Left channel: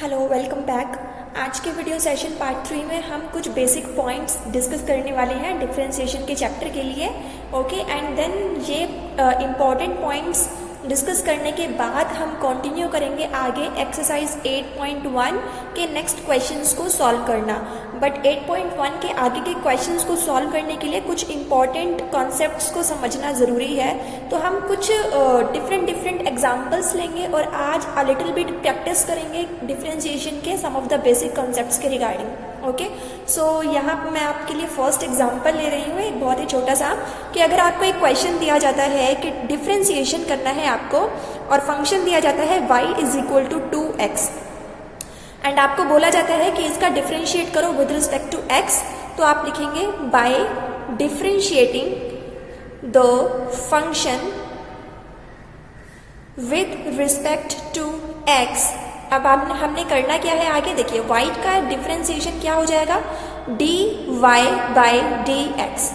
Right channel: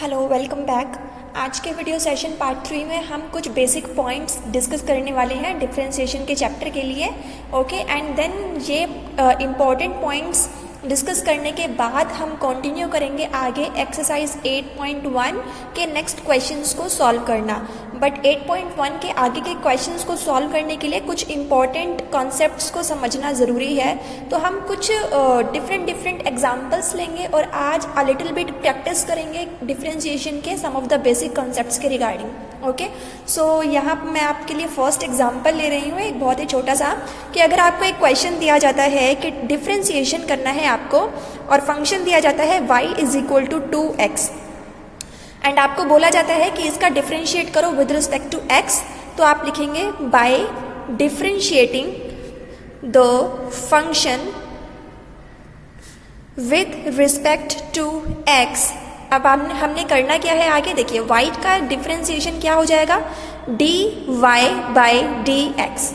Hello, welcome back. आज के video session part 3 में हम कुछ बेसिक पॉइंट्स डिस्कस करने वाले हैं डिफरेंशिएशन के चैप्टर के लिए। ओके, एंड देन ये इम्पॉर्टेंट पॉइंट्स डिस्कस करने के बाद हम कंटिन्यू करेंगे आगे एक्सरसाइज 8.1 के नेक्स्ट क्वेश्चंस को सॉल्व करना। बट 8.1 के आगे के क्वेश्चंस को सॉल्व करने के लिए कुछ इम्पॉर्टेंट कॉन्सेप्ट्स को समझना ज़रूरी है। तो हम कुछ डिफरेंट एग्जांपल्स लेंगे और आज अ लिटिल बिट प्रैक्टिस करेंगे डिफरेंशिएशन के सम ऑफ द बेसिक कॉन्सेप्ट्स के रिगार्डिंग। ओके, सो यहाँ मैं आपके लिए फर्स्ट एग्जांपल ले रही हूँ, एक बहुत ही छोटा सा, कि अगर आपको एक क्वेश्चन दिया जाता है कि डिफरेंशिएशन करना है आपको और फंक्शन दिया जाता है y is equal to 2x and आपको बोला जाता है कि इसका डिफरेंशिएट करो विद रिस्पेक्ट टू x, तो आप लिखेंगे by differentiating the function with respect to x। अब हमने करना क्या है आगे देखिए, y का डिफरेंशिएशन क्या हो जाएगा, dy बाय dx।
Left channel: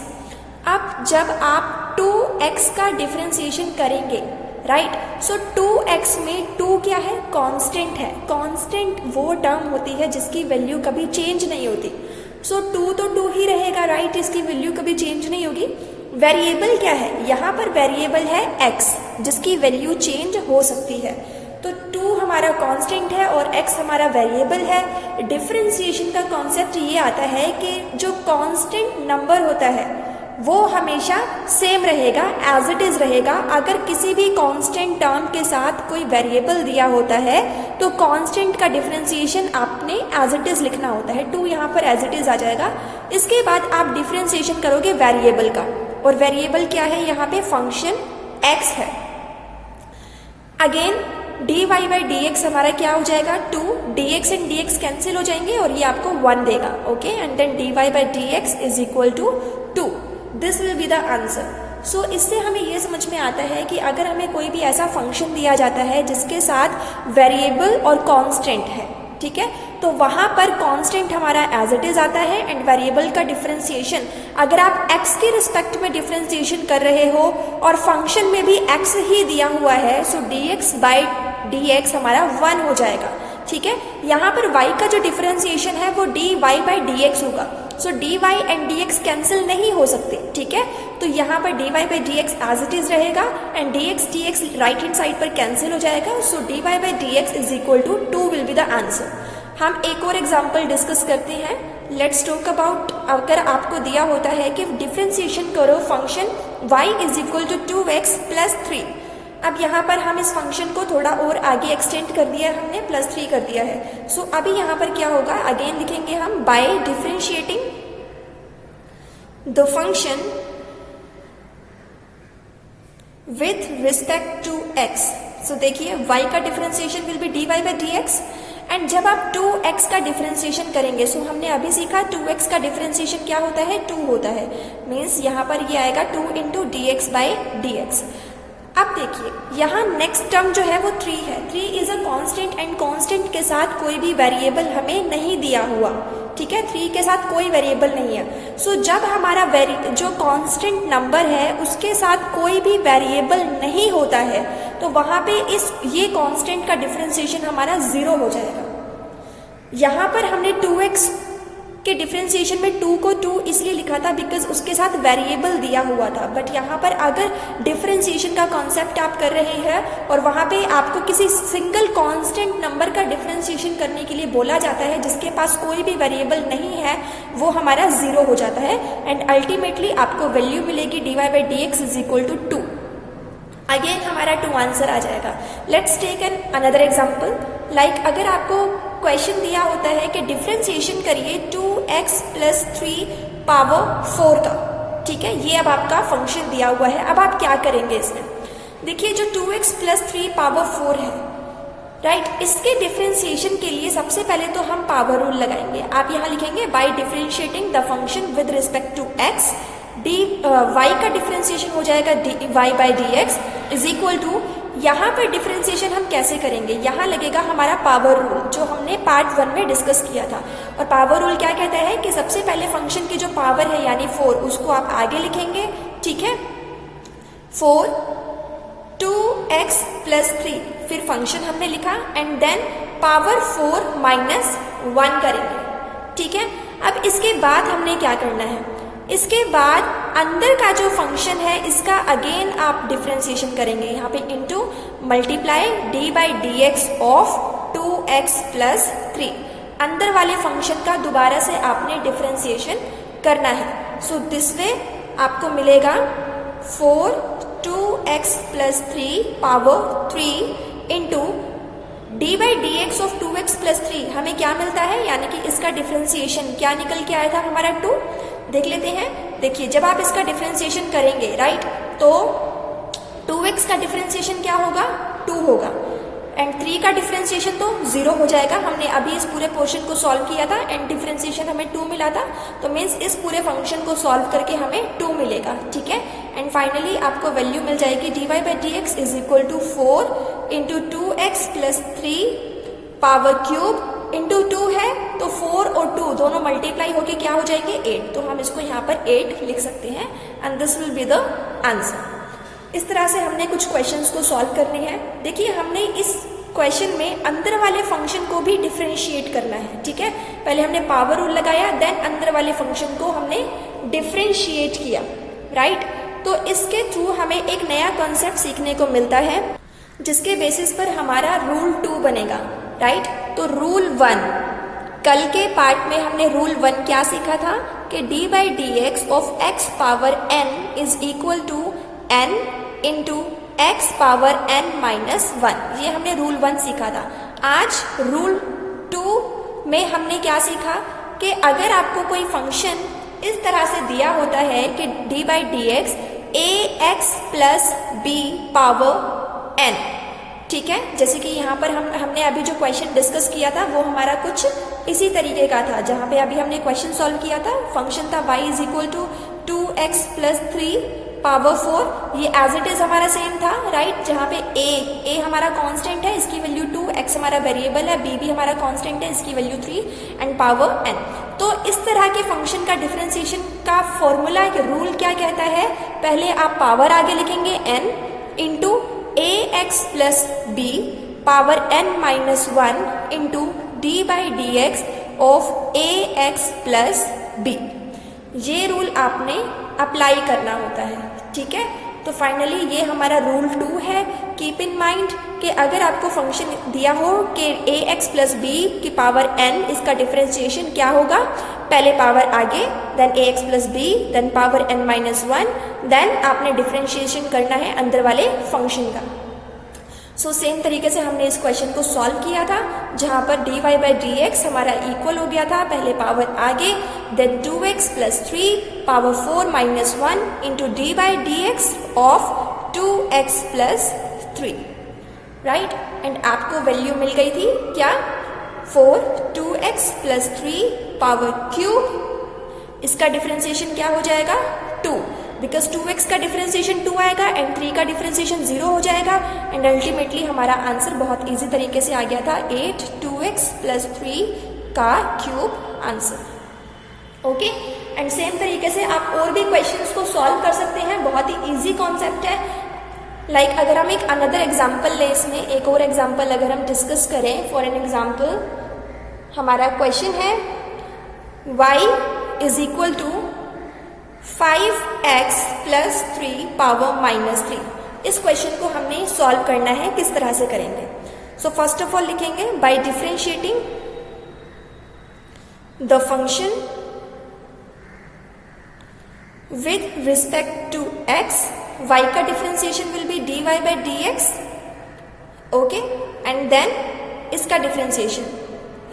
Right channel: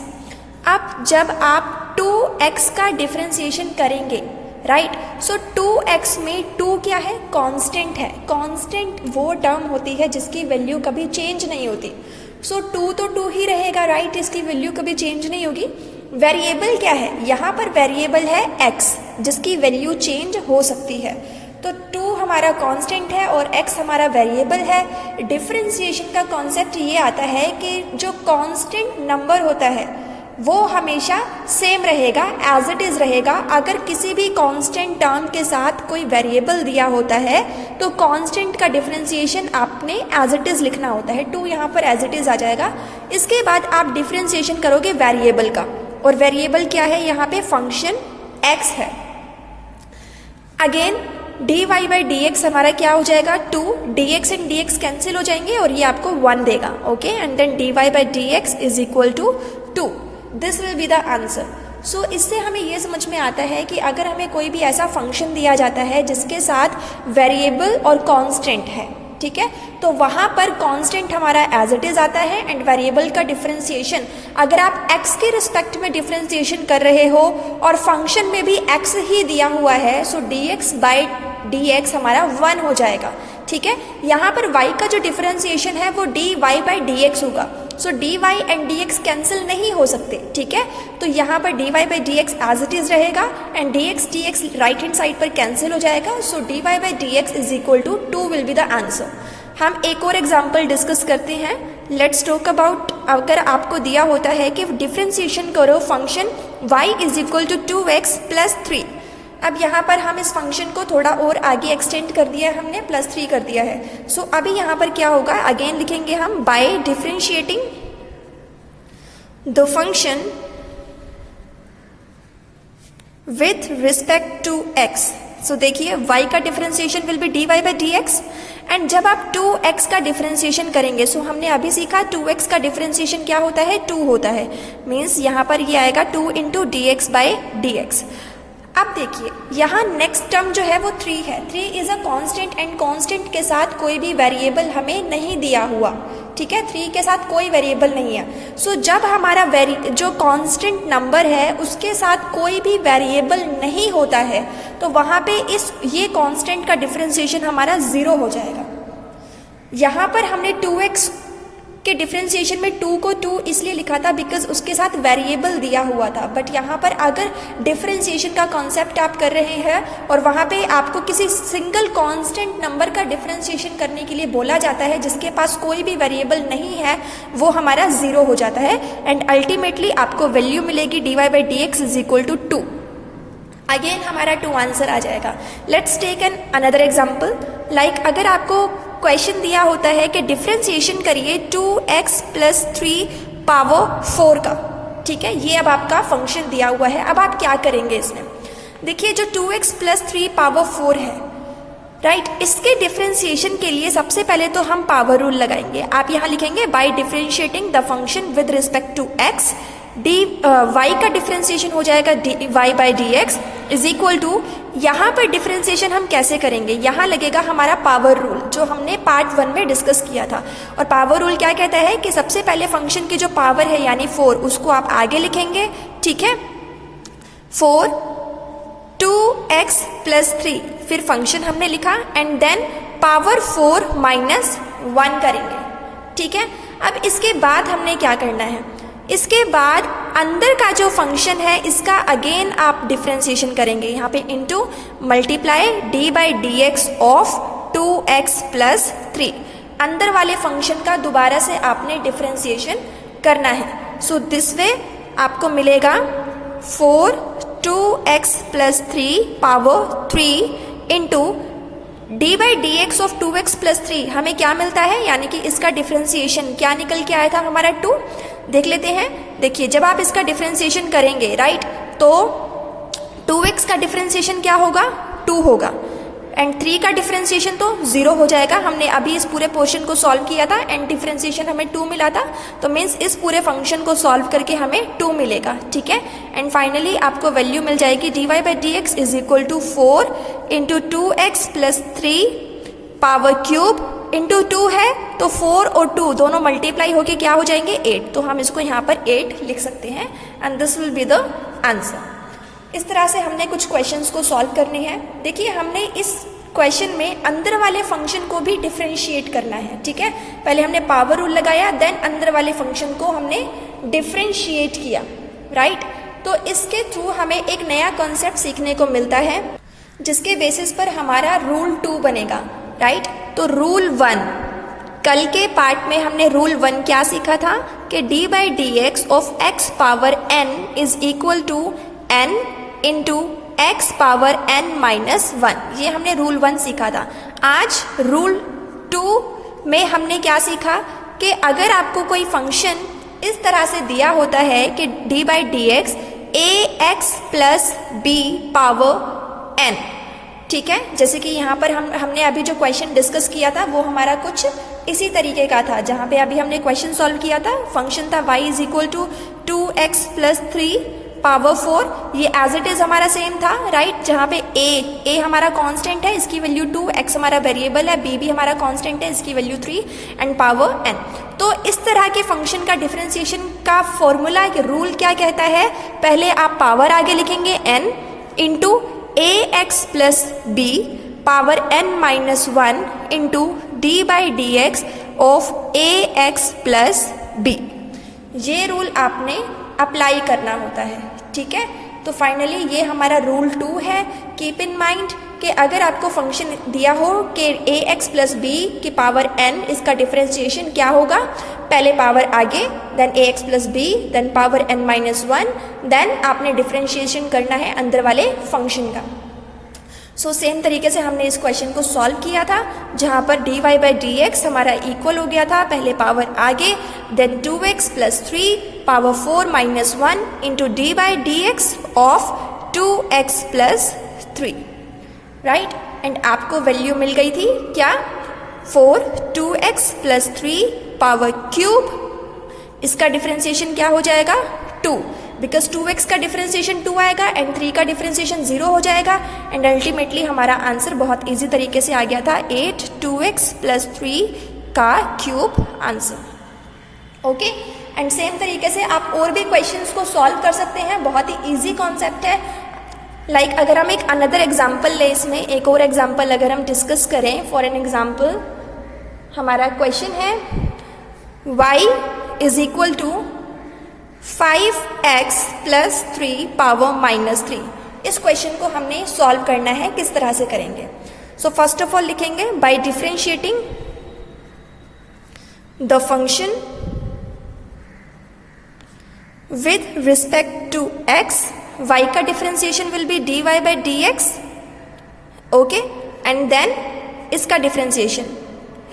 अब जब आप 2x का डिफरेंशिएशन करेंगे, राइट, सो 2x में 2 क्या है, कांस्टेंट है। कांस्टेंट वो टर्म होती है जिसकी वैल्यू कभी चेंज नहीं होती। सो 2 तो 2 ही रहेगा, राइट, इसकी वैल्यू कभी चेंज नहीं होगी। वेरिएबल क्या है, यहाँ पर वेरिएबल है x जिसकी वैल्यू चेंज हो सकती है। तो 2 हमारा कांस्टेंट है और x हमारा वेरिएबल है। डिफरेंशिएशन का कॉन्सेप्ट ये आता है कि जो कांस्टेंट नंबर होता है वो हमेशा सेम रहेगा, एज इट इज रहेगा। अगर किसी भी कांस्टेंट टर्म के साथ कोई वेरिएबल दिया होता है तो कांस्टेंट का डिफरेंशिएशन आपने एज इट इज लिखना होता है। 2 यहाँ पर एज इट इज आ जाएगा। इसके बाद आप डिफरेंशिएशन करोगे वेरिएबल का, और वेरिएबल क्या है, यहाँ पे फंक्शन x है। अगेन dy बाई dx हमारा क्या हो जाएगा, 2, dx एंड dx कैंसिल हो जाएंगे और ये आपको 1 देगा। Okay, and then dy by dx is equal to 2। This will be the answer. So इससे हमें ये समझ में आता है कि अगर हमें कोई भी ऐसा फंक्शन दिया जाता है जिसके साथ वेरिएबल और कांस्टेंट है, ठीक है, तो वहां पर कांस्टेंट हमारा एज इट इज आता है एंड वेरिएबल का डिफरेंशिएशन अगर आप x के रिस्पेक्ट में डिफरेंशिएशन कर रहे हो और फंक्शन में भी x ही दिया हुआ है, सो dx बाई dx हमारा 1 हो जाएगा। ठीक है, यहाँ पर y का जो डिफरेंशिएशन है वो dy बाई dx होगा। So dy and dx cancel नहीं हो सकते, ठीक है, तो यहाँ पर dy by dx as it is रहेगा and dx right hand side पर कैंसिल हो जाएगा। So dy by dx is equal to 2 will be the answer. हम एक और एग्जाम्पल डिस्कस करते हैं। लेट्स टॉक अबाउट, अगर आपको दिया होता है कि डिफरेंशिएशन करो function y is equal to 2x plus 3। अब यहाँ पर हम इस फंक्शन को थोड़ा और आगे एक्सटेंड कर दिया है, हमने +3 कर दिया है। सो अभी यहाँ पर क्या होगा, अगेन लिखेंगे हम by differentiating the function with respect to x। So देखिए y का differentiation will be dy by dx and जब आप 2x का डिफरेंशिएशन करेंगे, सो हमने अभी सीखा 2x का डिफरेंशिएशन क्या होता है, 2 होता है, मीन्स यहाँ पर ये आएगा 2 इंटू dx बाई dx। अब देखिए यहाँ नेक्स्ट टर्म जो है वो 3 है। 3 is a constant and constant के साथ कोई भी वेरिएबल हमें नहीं दिया हुआ, ठीक है, 3 के साथ कोई वेरिएबल नहीं है। सो जब हमारा जो कांस्टेंट नंबर है उसके साथ कोई भी वेरिएबल नहीं होता है तो वहां पे ये कांस्टेंट का डिफरेंशिएशन हमारा 0 हो जाएगा। यहाँ पर हमने 2x के डिफरेंशिएशन में 2 को 2 इसलिए लिखा था बिकॉज उसके साथ वेरिएबल दिया हुआ था। बट यहाँ पर अगर डिफरेंशिएशन का कॉन्सेप्ट आप कर रहे हैं और वहाँ पे आपको किसी सिंगल कांस्टेंट नंबर का डिफरेंशिएशन करने के लिए बोला जाता है जिसके पास कोई भी वेरिएबल नहीं है, वो हमारा 0 हो जाता है एंड अल्टीमेटली आपको वैल्यू मिलेगी dy by dx is equal to 2। Again हमारा 2 आंसर आ जाएगा। Let's take an another example. Like अगर आपको क्वेश्चन दिया होता है कि डिफरेंशिएशन करिए 2x प्लस 3 पावर 4 का, ठीक है, ये अब आपका फंक्शन दिया हुआ है। अब आप क्या करेंगे इसमें, देखिए जो 2x प्लस 3 पावर 4 है, राइट, इसके डिफरेंशिएशन के लिए सबसे पहले तो हम पावर रूल लगाएंगे। आप यहाँ लिखेंगे by differentiating the function with respect to x, y का डिफरेंशिएशन हो जाएगा dy by dx is equal to, यहाँ पर डिफरेंशिएशन हम कैसे करेंगे, यहाँ लगेगा हमारा पावर रूल जो हमने पार्ट 1 में डिस्कस किया था। और पावर रूल क्या कहता है कि सबसे पहले फंक्शन की जो पावर है यानी 4 उसको आप आगे लिखेंगे, ठीक है, 4 2x प्लस 3, फिर फंक्शन हमने लिखा एंड देन पावर 4 माइनस 1 करेंगे, ठीक है। अब इसके बाद हमने क्या करना है, इसके बाद अंदर का जो फंक्शन है इसका अगेन आप डिफ्रेंशिएशन करेंगे, यहाँ पे into multiply D by d x of 2x plus 3, अंदर वाले फंक्शन का दोबारा से आपने डिफ्रेंशिएशन करना है। सो दिस वे आपको मिलेगा 4 2x plus 3 power 3 into d by d x of 2x plus 3, हमें क्या मिलता है, यानी कि इसका डिफ्रेंशिएशन क्या निकल के आया था हमारा 2, देख लेते हैं। देखिए जब आप इसका डिफ्रेंशिएशन करेंगे राइट, तो 2x का डिफ्रेंशिएशन क्या होगा, 2 होगा, एंड 3 का डिफ्रेंशिएशन तो 0 हो जाएगा। हमने अभी इस पूरे पोर्शन को सॉल्व किया था एंड डिफ्रेंशिएशन हमें 2 मिला था, तो मीन्स इस पूरे फंक्शन को सॉल्व करके हमें 2 मिलेगा, ठीक है। एंड फाइनली आपको वैल्यू मिल जाएगी dy by d x is equal to 4 into 2x plus 3 power cube into 2 है, तो 4 और 2 दोनों मल्टीप्लाई होके क्या हो जाएंगे 8, तो हम इसको यहाँ पर 8 लिख सकते हैं and this will be the answer. इस तरह से हमने कुछ क्वेश्चंस को सॉल्व करने हैं। देखिए हमने इस क्वेश्चन में अंदर वाले फंक्शन को भी डिफरेंशिएट करना है, ठीक है। पहले हमने पावर रूल लगाया, देन अंदर वाले फंक्शन को हमने डिफरेंशिएट किया, राइट। तो इसके थ्रू हमें एक नया कॉन्सेप्ट सीखने को मिलता है जिसके बेसिस पर हमारा रूल 2 बनेगा, राइट। तो रूल 1, कल के पार्ट में हमने रूल 1 क्या सीखा था कि d by d x of x power n is equal to n into x power n minus 1, ये हमने रूल 1 सीखा था। आज रूल 2 में हमने क्या सीखा कि अगर आपको कोई फंक्शन इस तरह से दिया होता है कि d by d x a x plus b power n, ठीक है। जैसे कि यहाँ पर हमने अभी जो क्वेश्चन डिस्कस किया था वो हमारा कुछ इसी तरीके का था, जहाँ पे अभी हमने क्वेश्चन सॉल्व किया था, फंक्शन था y is equal to 2x plus 3 power 4, ये एज इट इज हमारा सेम था, राइट। जहाँ पे a हमारा कांस्टेंट है, इसकी वैल्यू 2, x हमारा वेरिएबल है, b भी हमारा कांस्टेंट है, इसकी वैल्यू 3 एंड पावर n। तो इस तरह के फंक्शन का डिफरेंशिएशन का फॉर्मूला रूल क्या कहता है, पहले आप पावर आगे लिखेंगे n into a x plus b power n minus 1 into d by d x of a x plus b, ये रूल आपने अप्लाई करना होता है, ठीक है। तो फाइनली ये हमारा रूल 2 है। कीप इन माइंड कि अगर आपको फंक्शन दिया हो कि ए एक्स प्लस बी की पावर n, इसका डिफरेंशिएशन क्या होगा, पहले पावर आगे, then a x plus b, then power n minus 1, then आपने डिफरेंशिएशन करना है अंदर वाले फंक्शन का। सो सेम तरीके से हमने इस क्वेश्चन को सॉल्व किया था, जहां पर dy बाई डी एक्स हमारा इक्वल हो गया था, पहले पावर आगे, then 2x plus 3 power 4 minus 1 into d by d x of 2x plus 3, right. And आपको वैल्यू मिल गई थी क्या, 4 2x प्लस 3 पावर क्यूब, इसका डिफरेंशिएशन क्या हो जाएगा 2, बिकॉज 2x का डिफरेंशिएशन 2 आएगा एंड 3 का डिफरेंशिएशन 0 हो जाएगा, एंड अल्टीमेटली हमारा आंसर बहुत इजी तरीके से आ गया था 8 2x प्लस 3 का cube answer. Okay, and same तरीके से आप और भी क्वेश्चंस को सॉल्व कर सकते हैं, बहुत ही इजी कॉन्सेप्ट है। लाइक अगर हम एक अनदर एग्जाम्पल ले, इसमें एक और एग्जाम्पल अगर हम डिस्कस करें, फॉर एन एग्जाम्पल हमारा क्वेश्चन है y is equal to 5x plus 3 power minus 3। इस क्वेश्चन को हमने सॉल्व करना है, किस तरह से करेंगे। सो फर्स्ट ऑफ ऑल लिखेंगे by differentiating the function with respect to x, y का differentiation will be dy by d x, okay, and then इसका डिफरेंशिएशन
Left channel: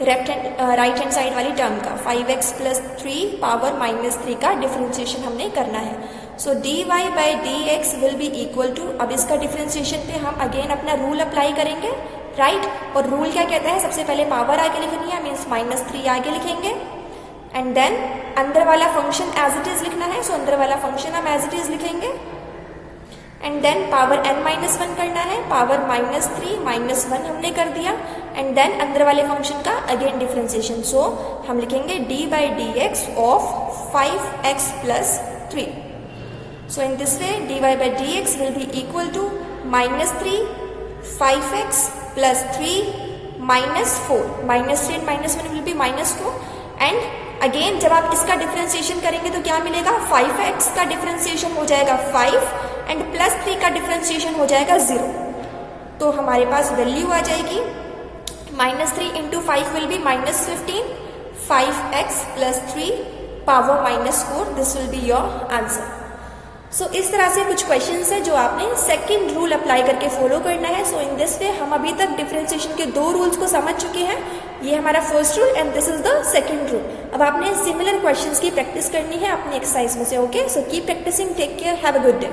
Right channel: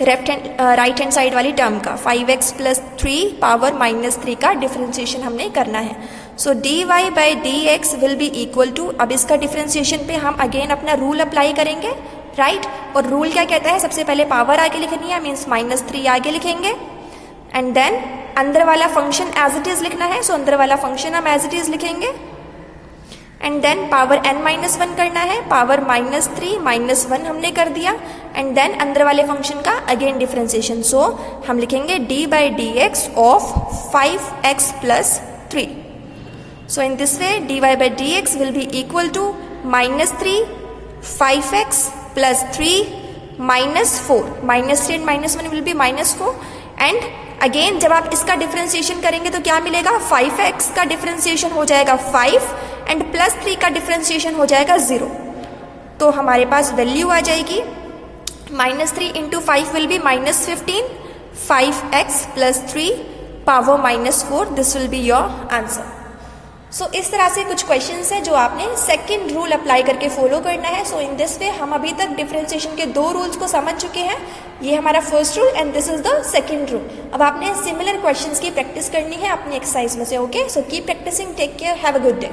राइट हैंड साइड वाली टर्म का 5x प्लस 3 पावर माइनस 3 का differentiation हमने करना है। So dy by d x will be equal to, अब इसका डिफरेंशिएशन पे हम अगेन अपना रूल अप्लाई करेंगे, राइट। और रूल क्या कहता है, सबसे पहले पावर आगे लिखनी है, मीन्स माइनस 3 आगे लिखेंगे, एंड देन अंदर वाला फंक्शन एज इट इज लिखना है, सो अंदर वाला फंक्शन हम एज इट इज लिखेंगे, and then power n minus 1 करना है, पावर माइनस 3 माइनस 1 हमने कर दिया, एंड देन अंदर वाले फंक्शन का अगेन डिफरेंशिएशन। सो हम लिखेंगे d by d x of 5x plus 3। So in this way dy by d x will be equal to minus 3 5x plus 3 -4, -3 and -1 will be -4 and again जब आप इसका differentiation करेंगे तो क्या मिलेगा, 5x का डिफरेंशिएशन हो जाएगा 5 एंड +3 का डिफरेंशिएशन हो जाएगा 0। तो हमारे पास वैल्यू आ जाएगी -3 into 5 will be -15, 5x + 3 power -4, this will be your answer. So इस तरह से कुछ क्वेश्चंस है जो आपने सेकंड रूल अप्लाई करके फॉलो करना है। सो इन दिस वे हम अभी तक डिफरेंशिएशन के 2 रूल्स को समझ चुके हैं। ये हमारा first rule and this is the second rule. अब आपने सिमिलर क्वेश्चंस की प्रैक्टिस करनी है अपनी एक्सरसाइज में से। Okay, so keep practising, take care, have a good day.